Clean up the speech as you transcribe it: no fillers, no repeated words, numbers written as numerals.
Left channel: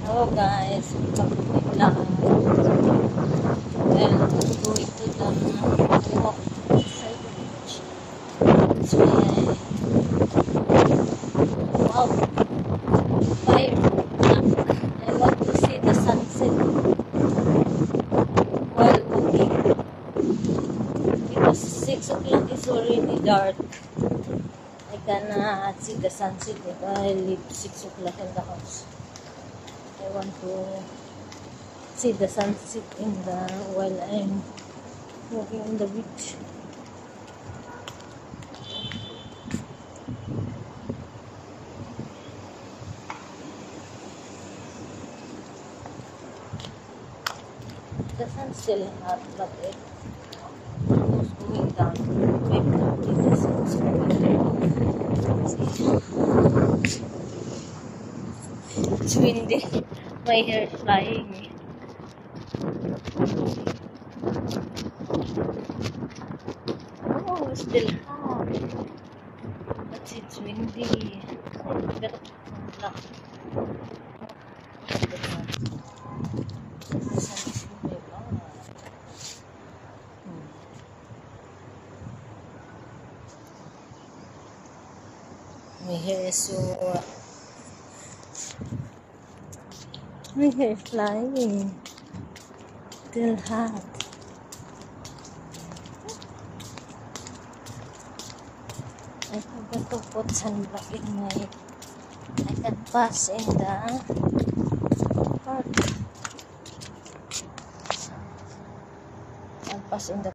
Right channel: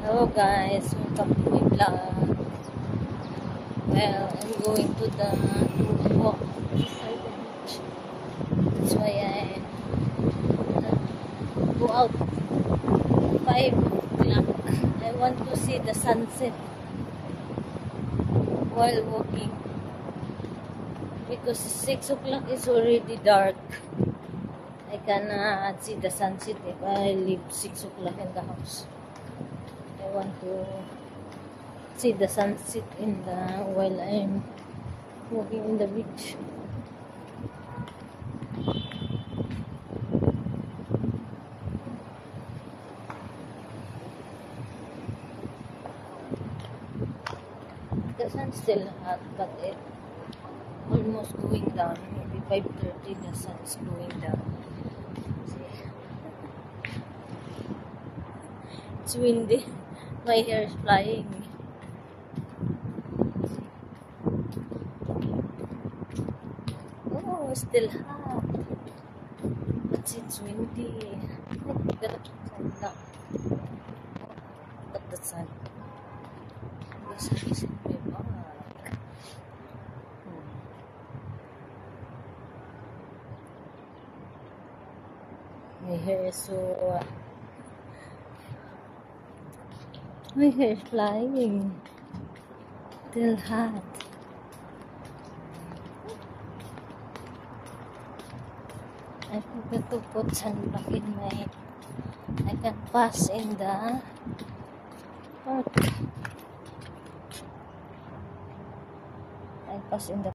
Hello guys, welcome to my vlog. Well, I'm going to the walk beside the beach. That's why I go out 5 o'clock. I want to see the sunset while walking. Because 6 o'clock is already dark. I cannot see the sunset if I leave 6 o'clock in the house. I want to see the sunset while I'm walking in the beach. The sun's still hot, but it's almost going down. 5:30, the sun's going down. See? It's windy. My hair is flying. Oh, it's still hot. But it's windy. I got lock. The sun. The sun is in my back. My hair is so... My hair is flying. Still hot. I forgot to put sunblock in my... I can pass in the park. I'll pass in the